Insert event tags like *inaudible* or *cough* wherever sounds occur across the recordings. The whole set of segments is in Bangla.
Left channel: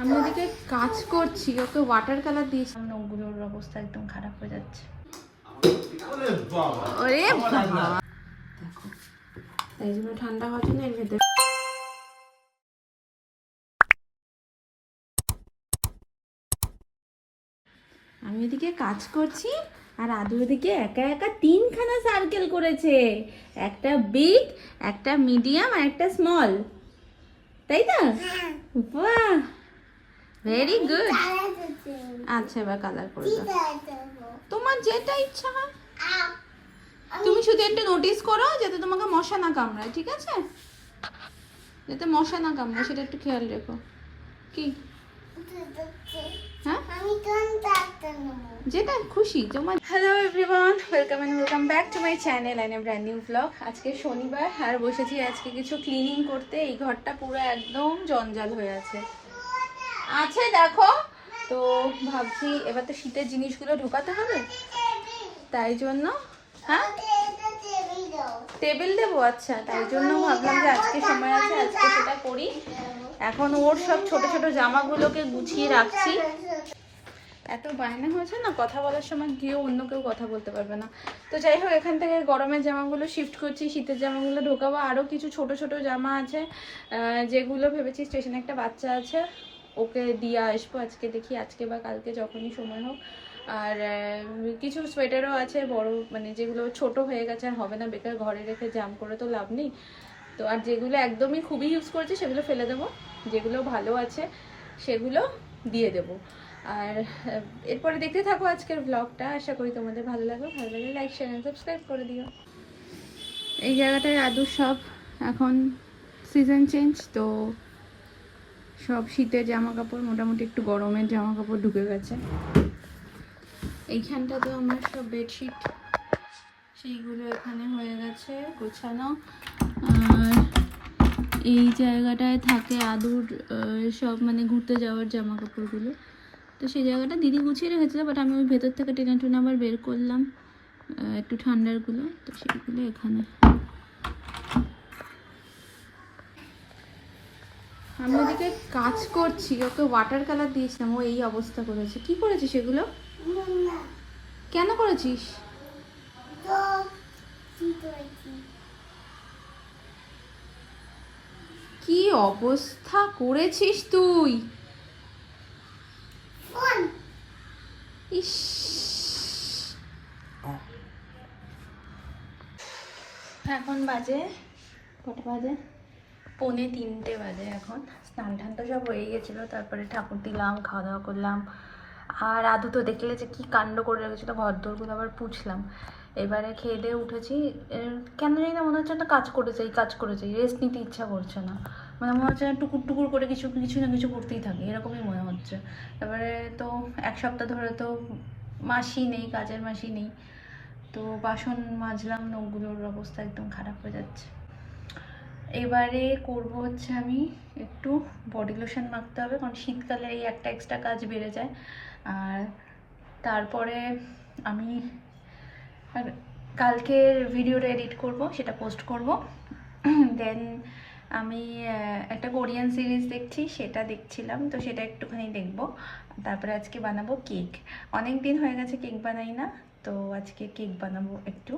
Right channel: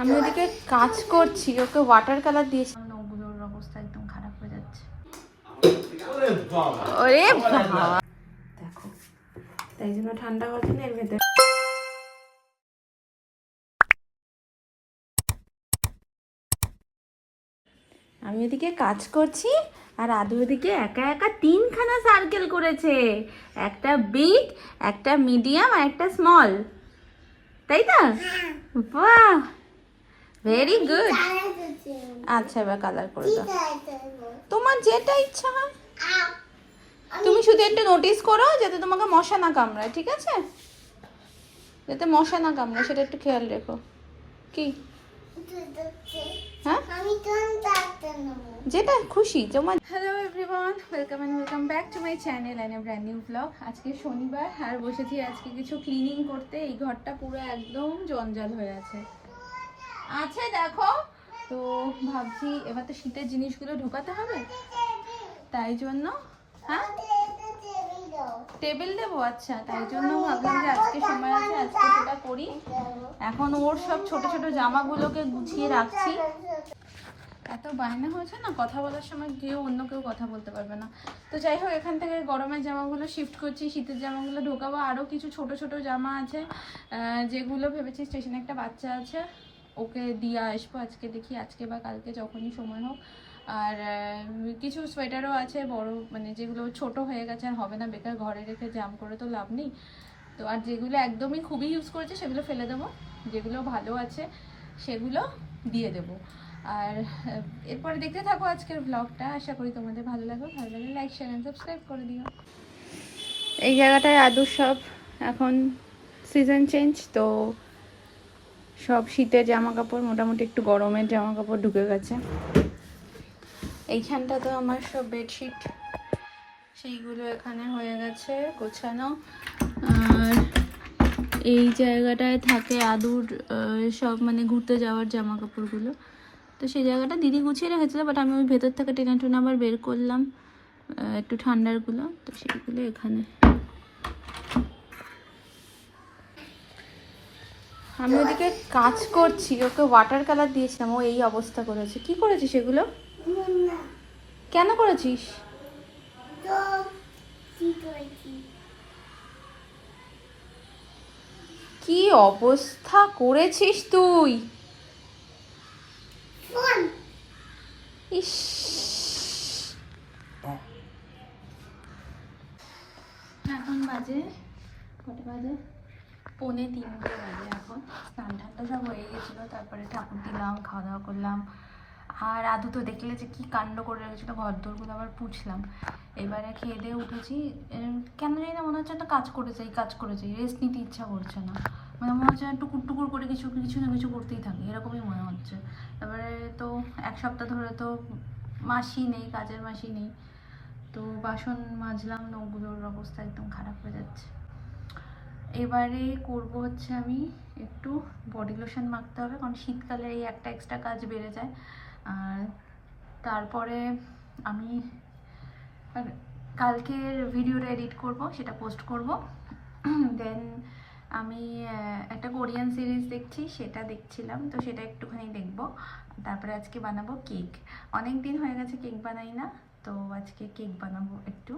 আমি ওদিকে কাজ করছি ওকে ওয়াটার কালার দিয়েছি। নখগুলোর অবস্থা একদম খারাপ হয়ে যাচ্ছে। ওরে বাবা। দেখো তাই জন্য ঠান্ডা হওয়ার জন্য এর ভেতরে। আমি ওদিকে কাজ করছি আর আদু ওদিকে একা একা তিনখানা সার্কেল করেছে। একটা বিগ একটা মিডিয়াম আর একটা স্মল তাই তো? বাহ! ভেরি গুড আচ্ছা এবার কালার করে দাও। তোমার যেটা ইচ্ছা। হয় তুমি শুধু একটা নোটিস করো যাতে তোমাকে মশা না কামড়ায় ঠিক আছে? যাতে মশা না কামড়ায় সেটা একটু খেয়াল রেখো। কি? হ্যাঁ? যেটা খুশি তোমার hello everyone welcome and welcome back to my channel a brand new blog আজকে শনিবার আর বসেছি আজকে কিছু ক্লিনিং করতে। এই ঘরটা পুরো একদম জঞ্জাল হয়ে আছে। আছে, দেখো। তো ভাবছি এবার তো শীতের জিনিসগুলো ঢোকাতে হবে। তাই জন্য হ্যাঁ? টেবিল দেবো আচ্ছা তাই জন্য ভাবলাম যে আজকে সময় আছে, আজকে সেটা করি। এখন ওর সব ছোট ছোট জামাগুলোকে গুছিয়ে রাখছি। এত বায়না হয়েছে না, কথা বলার সময় গিয়েও অন্য কেউ কথা বলতে পারবে না। তো যাই হোক, এখান থেকে গরমের জামাগুলো শিফট করছি, শীতের জামাগুলো ঢোকাবো। আরও কিছু ছোট ছোট জামা আছে যেগুলো ভেবেছি স্টেশনে একটা বাচ্চা আছে। ওকে দিয়ে আসব আজকে, দেখি আজকে বা কালকে যখনই সময় হোক। আর কিছু সোয়েটারও আছে বড় মানে যেগুলো ছোট হয়ে গেছে আর হবে না, বেকার ঘরে রেখে জাম করে তো লাভ নেই। তো আর যেগুলো একদমই খুবই ইউজ করছি সেগুলো ফেলে দেবো, যেগুলো ভালো আছে সেগুলো দিয়ে দেবো। আর এরপরে দেখতে থাকো আজকের ব্লগটা আশা করি তোমাদের ভালো লাগবে ভালো লাগলে লাইক শেয়ার অ্যান্ড সাবস্ক্রাইব করে দিও। এই জায়গাটায় আদুর সব এখন সিজন চেঞ্জ তো সব শীতের জামা কাপড় মোটামুটি একটু গরমের জামা কাপড় ঢুকে গেছে। এইখানটা তো আমার সব বেডশিট, সেইগুলো এখানে হয়ে গেছে গোছানো। আর এই জায়গাটায় থাকে আদুর সব মানে ঘুরতে যাওয়ার জামা কাপড়গুলো তো সেই জায়গাটা দিদি গুছিয়ে রেখেছিল বাট আমি ওই ভেতর থেকে টেনে টুনে আবার বের করলাম একটু ঠান্ডারগুলো, তো সেইগুলো এখানে। আমি ওদিকে কাজ করছি, ওকে ওয়াটার কালার দিয়েছিলাম, ও এই অবস্থা করেছে। কি করেছিস এগুলো? কেন করেছিস? কি অবস্থা করেছিস তুই? এখন বাজে কটা বাজে? পৌনে তিনটে বাজে এখন। স্নান তো সব হয়ে গেছিল, তারপরে ঠাকুর দিলাম খাওয়া দাওয়া করলাম। আর আদু তো দেখলে যে কি কাণ্ড করে রেখেছিলো ঘর দোরগুলো আবার পুছলাম। এবারে খেয়ে দিয়ে উঠেছি কেন জানি না, মনে হচ্ছে একটা কাজ করে যাই কাজ করে যাই রেস্ট নিতে ইচ্ছা করছে না। মানে মনে হচ্ছে টুকুর টুকুর করে কিছু কিছু না কিছু করতেই থাকে, এরকমই মনে হচ্ছে। এবারে তো এক সপ্তাহ ধরে তো মাসি নেই, কাজের মাসি নেই। তো বাসন মাজলাম, নখগুলোর অবস্থা একদম খারাপ হয়ে যাচ্ছে। এবারে করব হচ্ছে আমি একটু বডি লোশন মাখতে হবে, কারণ শীতকালে এই একটা এক্সট্রা কাজ বেড়ে যায়। আর তারপরে আমি কালকের ভিডিওটা এডিট করব, সেটা পোস্ট করব। দেন আমি একটা কোরিয়ান সিরিজ দেখছি, সেটা দেখছিলাম, তো সেটা একটুখানি দেখব। তারপরে আজকে বানাবো কেক অনেক দিন হয়ে গেছে কেক বানাই না, তো আজকে কেক বানাবো একটু।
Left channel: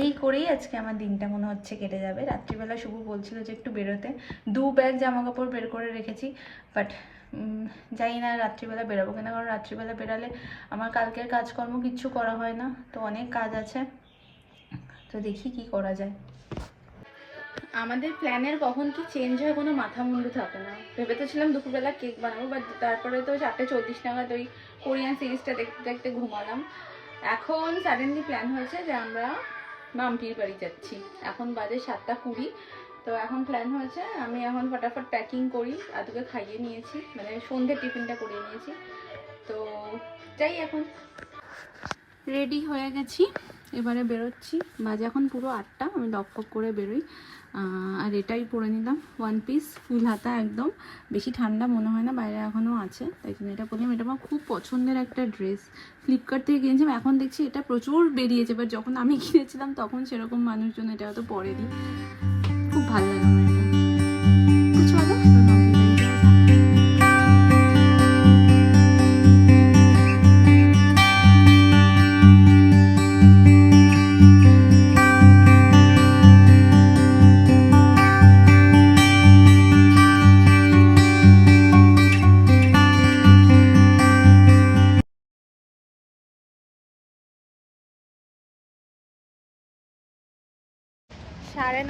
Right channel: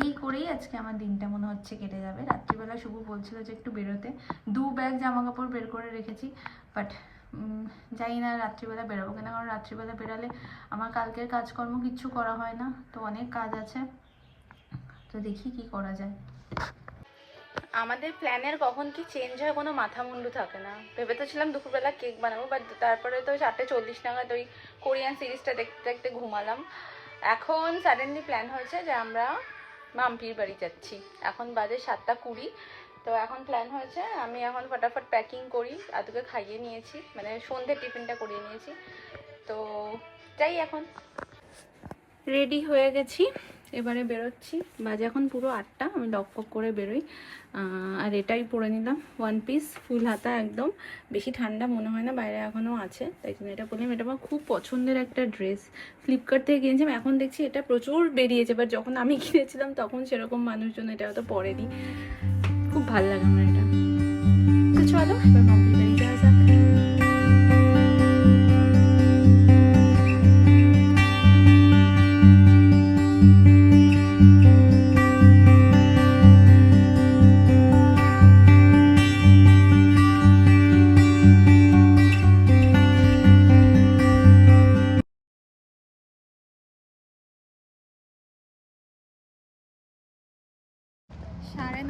এই করেই আজকে আমার দিনটা মনে হচ্ছে কেটে যাবে। রাত্রিবেলা শুভ বলছিল যে একটু বেরোতে। দু ব্যাগ জামা কাপড় বের করে রেখেছি বাট জানি না রাত্রিবেলা বেরোবো কিনা, কারণ রাত্রিবেলা বেরালে আমার কালকের কাজকর্ম কিচ্ছু করা হয় না, তো অনেক কাজ আছে। তো দেখি কি করা যায়। আমাদের প্ল্যানের কখন কি চেঞ্জ হয় কোনো মাথা মুন্ডু থাকে না। ভেবে তো ছিলাম দুপুরবেলা কেক বানাবো বাট তারপরে তো চারটে চল্লিশ নাগাদ ওই কোরিয়ান সিরিজটা দেখতে দেখতে ঘুমালাম। এখন সাডেনলি প্ল্যান হয়েছে যে আমরা মাম্পির বাড়ি যাচ্ছি। এখন বাজে সাতটা কুড়ি। তো এখন প্ল্যান হয়েছে, আমি এখন ফটাফট প্যাকিং করি, আদুকে খাইয়ে নিয়েছি মানে সন্ধে টিফিনটা করিয়ে নিয়েছি। তো যাই এখন। রেডি হয়ে গেছি। এবারে বেরোচ্ছি। বাজে এখন পুরো আটটা, আমি লক পক করে বেরোই। আর এটাই পরে নিলাম ওয়ান পিস ফুল হাতা একদম। বেশি ঠান্ডা মনে হয় না, বাইরে এখনও আছে, তাই জন্য এটা পরলাম। এটা আমার খুব পছন্দের একটা ড্রেস ফ্লিপকার্ট থেকে কিনেছিলাম, এখন দেখছি এটা প্রচুর বেরিয়েছে। বাট যখন আমি *laughs* কিনেছিলাম, তখন সেরকম মানুষজন এটা হয়তো পরেনি। খুব ভালো লাগে আমার এটা। তো চলো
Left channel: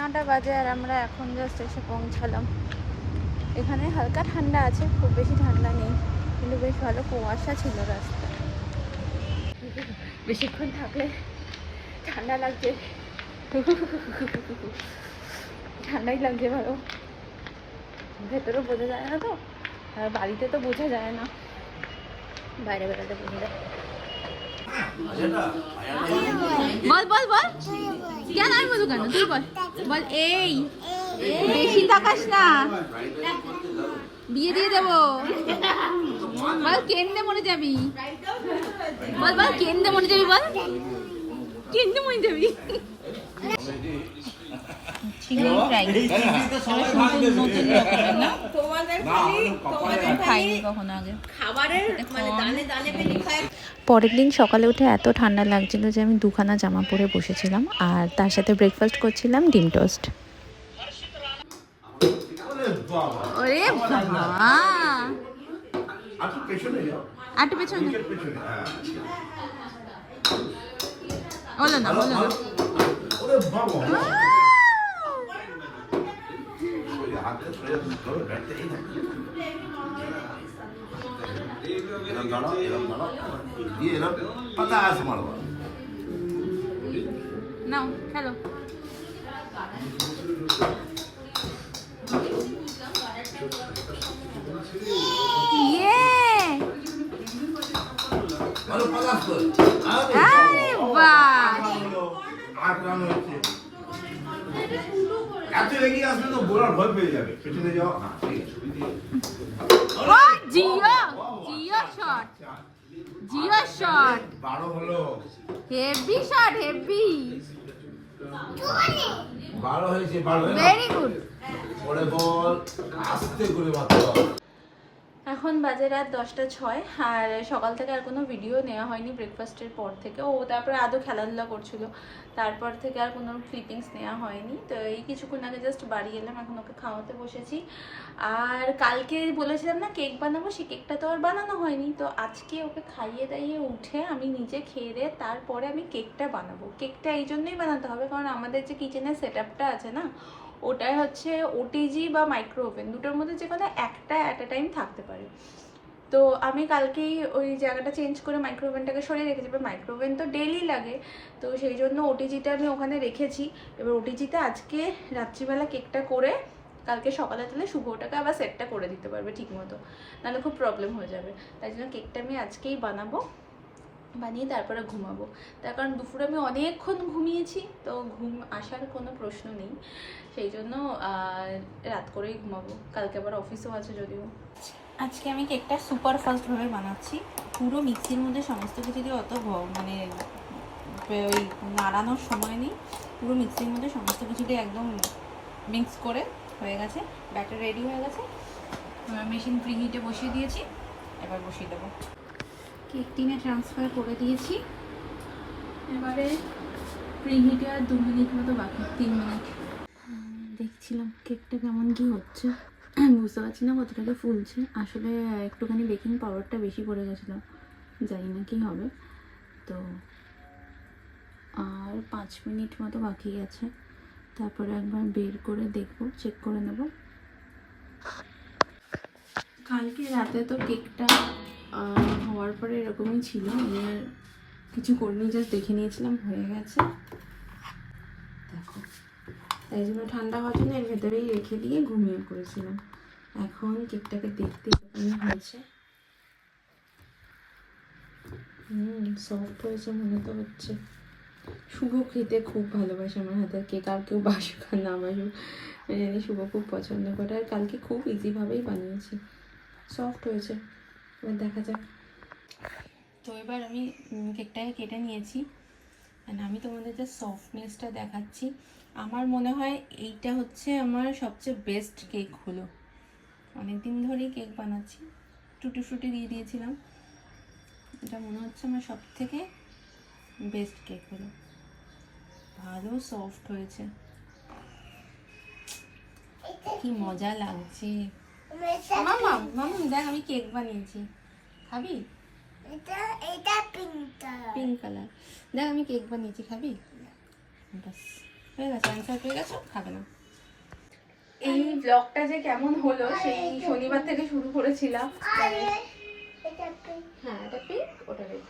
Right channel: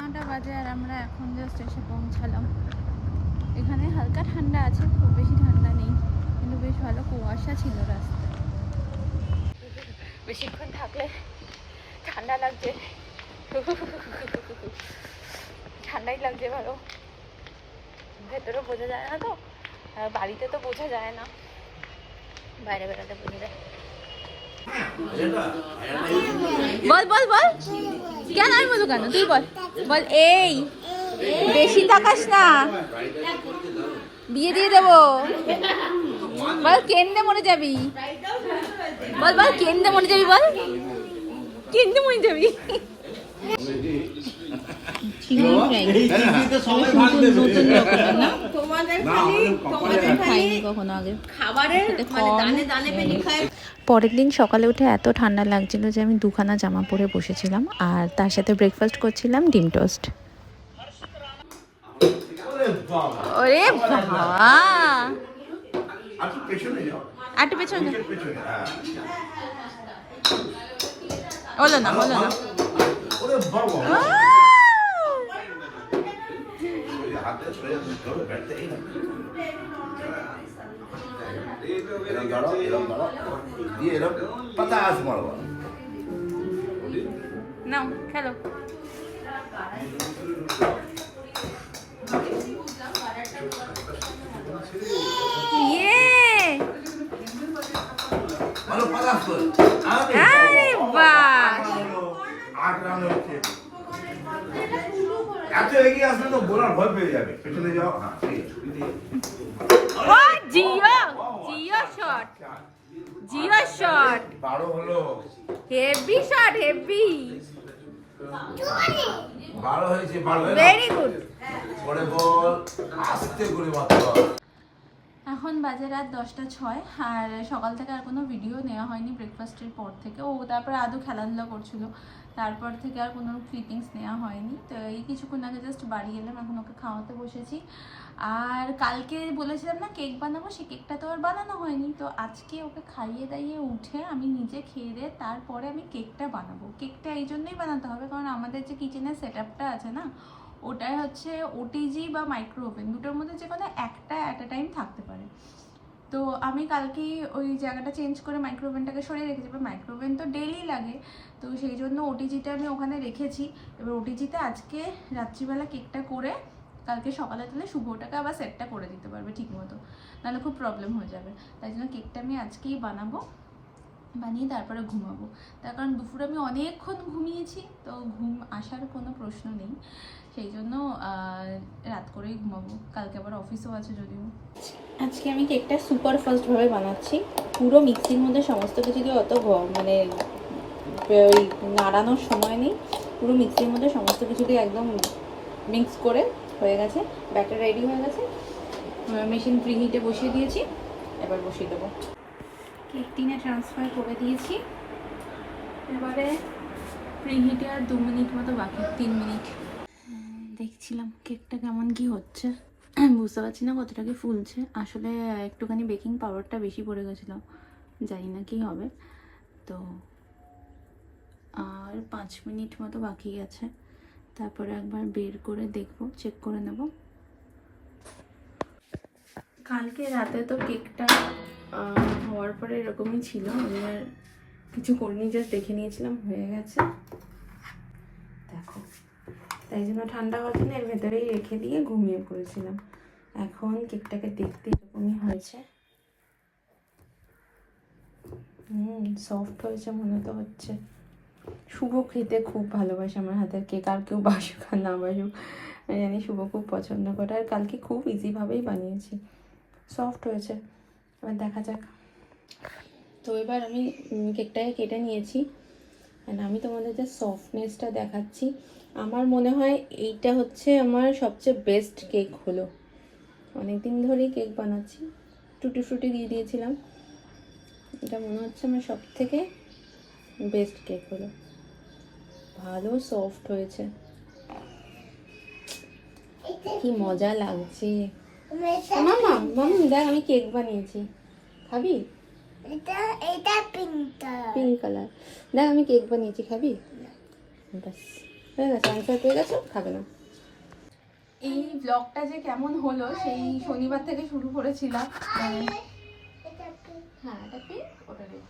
নটা বাজে আর আমরা এখন জাস্ট এসে পৌঁছালাম। এখানে হালকা ঠান্ডা আছে, খুব বেশি ঠান্ডা নেই, কিন্তু বেশ ভালো কুয়াশা ছিল রাস্তা বেশিক্ষণ থাকলে ঠান্ডা লাগছে। ঠান্ডাই লাগছে ভালো। ভেতরেও বোঝা যায় না তো, আর বাড়িতে তো বোঝা যায় না। বাইরে বেড়াতে বোঝা যায়। বল বল বল। কেন আমি বলব কেন? তুই বল। বল, এই, বেশি তাকাস না। বিয়ে দিয়ে দেবো। বল কেন্দ্রে মনে যাবি? বল বল কেন্দ্রে মনে যাবি, বল? কেন্দ্রে মনে যাবি? চিংড়ি ফ্রাই। নতুন নতুন রকমের না? খাইনি কখনো আগে। সাথে কর্ন পরের দিন সকালে উঠে এত ঠান্ডা লাগছিল যে আমি দুখানা জামা পরে বসেছিলাম আর তার সাথে ব্রেকফাস্ট করছিলাম ডিম টোস্ট। ওরে বাবা। একটু পেছনে যাও। আটু পেছনে পেছনে হ্যাঁ। না হলো না। ওরে বাবা আহ! হাতে ধরে ধরে ব্যাটটা এই না। এরম দাঁড়াও এত এগিয়ে আসলে তো বোলার ভয় পেয়ে যাবে। পেছনে যাও। হ্যাঁ ঠিক আছে ও জিও জিও শট। জিও শট। হলো। Heavy shot heavy. বারো হয়েছে বারো হলো। ভেরি গুড পরে বল আস্তে করে মারতে হবে। এখন বাজে রাত দশটা ছয় আর সকাল থেকে আর কোনো ভিডিও নেওয়া হয়নি ব্রেকফাস্টের পর থেকে। ও তারপরে আদৌ খেলাধুলা করছিল। তারপর থেকে আর কোনো ক্লিপিংস নেওয়া হয়নি। তো এই কিছুক্ষণ আগে জাস্ট বাড়ি এলাম, এখন ওকে খাওয়াতে বসেছি। আর কালকে বলেছিলাম না কেক বানাবো, সেই কেকটা তো আর বানানো হয়নি। তো আজকে ওকে খাইয়ে দাইয়ে উঠে আমি নিজে খেয়ে দিয়ে তারপরে আমি কেকটা বানাবো। কেকটা এই জন্যই বানাতে হবে, কারণ আমাদের যে কিচেনের সেট আছে না, ওটাই হচ্ছে ওটিজি বা মাইক্রো ওভেন দুটোর মধ্যে যে কোনো একটা অ্যাট এ টাইম থাকতে পারে। তো আমি কালকেই ওই জায়গাটা চেঞ্জ করে মাইক্রো ওভেনটাকে সরিয়ে রেখেছি। এবার মাইক্রো ওভেন তো ডেলি লাগে। তো সেই জন্য ওটিজিটা আমি ওখানে রেখেছি। এবার ওটিজিতে আজকে রাত্রিবেলা কেকটা করে কালকে সকালে তাহলে শুভ ওটাকে আবার সেটটা করে দিতে পারবে ঠিক মতো নাহলে খুব প্রবলেম হয়ে যাবে। তাই জন্য কেকটা আমি আজকেই বানাবো, বানিয়ে তারপরে ঘুমাবো। তার কারণ দুপুরে আমি অনেকক্ষণ ঘুমিয়েছি, তো ঘুম আসার কোনো প্রশ্ন নেই। সেই জন্য রাত করেই ঘুমাবো। কালকে আবার অফিসও আছে যদিও। আজকে আমি কেকটা সুপার ফাস্টভাবে বানাচ্ছি। পুরো মিক্সির মধ্যে সমস্ত কিছু দিয়ে অত মানে ওই নাড়ানোর সময় নেই। পুরো মিক্সির মধ্যে সমস্ত কিছু দিয়ে একদম মিক্স করে হয়ে গেছে। ব্যাটার রেডি হয়ে গেছে। মেশিন প্রিহিটে বসিয়ে দিয়েছি। এবার বসিয়ে দেবো। কেক টিনে ট্রান্সফার করে দিয়েছি। এবারে প্রিহিটে আর দু মিনিট মতো বাকি, তিন মিনিট দেখছিলাম কেকটা কেমন কি হচ্ছে। বুঝতে পারছি না কতটাকে ফুলছে। আসলে একটুখানি বেকিং পাউডারটা বেশি পড়ে গেছিল। জানি না কি হবে। তো আর পাঁচ মিনিট মতো বাকি আছে। তারপরে একবার বের করে দেখব চেক করে নেব। কালকে রাতে তো কেকটা হওয়ার পরে এরকমই ছিল। আমি আর কিছু করিনি জাস্ট দেখে নিয়েছিলাম, হয়ে গেছে। দেখো। তাই জন্য ঠান্ডা হওয়ার জন্য এর ভেতরেই রেখে দিয়ে ঘুমিয়ে পড়েছিলাম। এখন কেকটাকে দেখতে এরকমই হয়েছে? হুম সফট হয়েছে মনে তো হচ্ছে। শুভ খেতে খুব ভালোবাসে আমার হাতের কেক, আর কেউ বাসুক আর না বাসুক, আমি জানি শুভ খুব পছন্দ করে, আর কালকে খুব ইজিভাবেই বানিয়েছি। সফট হয়েছে। এবার দেখা যাক। তো এবার আমি কেকটাকে কেটে নিয়েছি, and আমি তোমাদের যে সফটনেসটা দেখাচ্ছি, আমার মনে হয় এইটা হচ্ছে আমার সবচেয়ে বেস্ট কেক হলো। অনেক দিন ধরেই কেক বানাচ্ছি। টুটি ফুটি দিয়ে দিয়েছিলাম। এটা মনে হচ্ছে আমার সব থেকে বেস্ট কেক হলো। ভালো সফট হয়েছে। কি মজা লাগছে। মামা মামা দেখ আমি কেক বানিয়েছি। খাবি? এটা এটা পিঙ্কটা পিঙ্ক কালার দেখ আমি কেক বানিয়েছি খাবি? ব্যাস হয়ে গেছে অ্যান্সার পেয়ে গেছো? খাবে না। এই ব্লগটা যে কেমন হলো সেই শনিবার থেকে শুরু করেছিলাম। হ্যাঁ এটা পিঙ্ক ওটা red।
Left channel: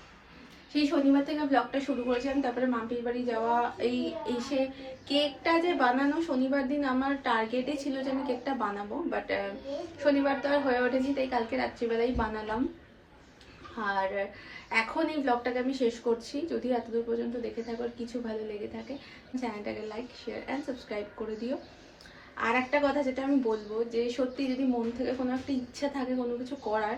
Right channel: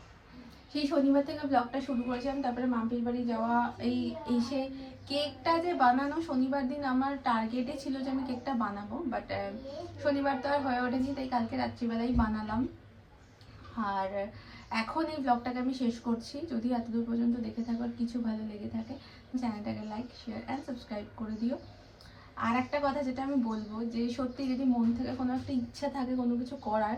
সেই শনিবার থেকে ব্লগটা শুরু করেছিলাম, তারপরে মাম্পির বাড়ি যাওয়া, এই, এসে কেকটা যে বানানো শনিবার দিন আমার টার্গেটে ছিল যে আমি কেকটা বানাবো বাট শনিবার তো আর হয়ে ওঠেনি, তাই কালকে রাত্রিবেলাই বানালাম। আর, এখন এই ব্লগটাকে আমি শেষ করছি। যদি এতদূর পর্যন্ত দেখে থাকো আর কিছু ভালো লেগে থাকে, চ্যানেলটাকে লাইক শেয়ার অ্যান্ড সাবস্ক্রাইব করে দিও। আর একটা কথা যেটা আমি বলব, যে সত্যি যদি মন থেকে কোনো একটা ইচ্ছা থাকে কোনো কিছু করার,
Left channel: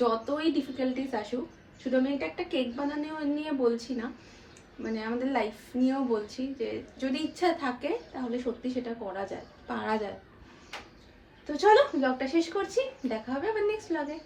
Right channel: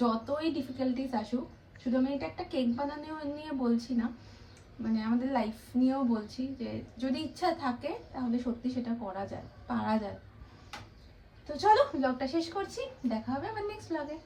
যতই ডিফিকাল্টিস আসুক শুধু আমি এটা একটা কেক বানানো নিয়ে বলছি না মানে আমাদের লাইফ নিয়েও বলছি যে, যদি ইচ্ছা থাকে, তাহলে সত্যি সেটা করা যায়, পারা যায়। তো চলো ব্লগটা শেষ করছি, দেখা হবে আবার নেক্সট ব্লগে